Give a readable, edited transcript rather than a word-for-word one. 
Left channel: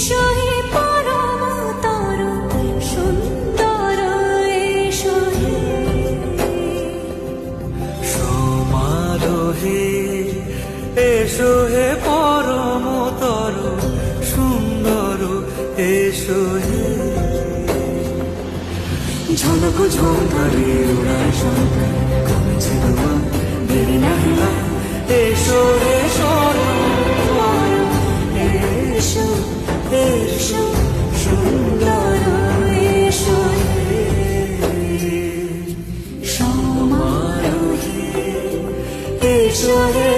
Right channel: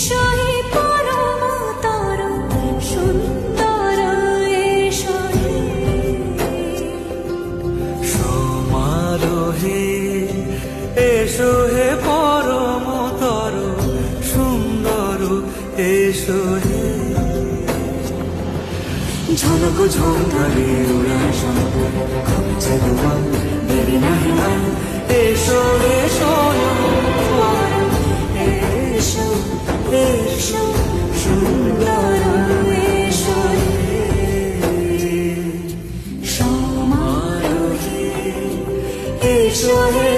এসো হে পরমতর সুন্দর এসো হে সমারোহে এসো হে পরমতর সুন্দর এসো হে ঝনক ঝঙ্কারে উড়ায় শঙ্কর কমেছে দুয়ার দেরি নাহি আর এসো এসো পর এসো এসো সুন্দর এসো হে সমারোহে এসো হে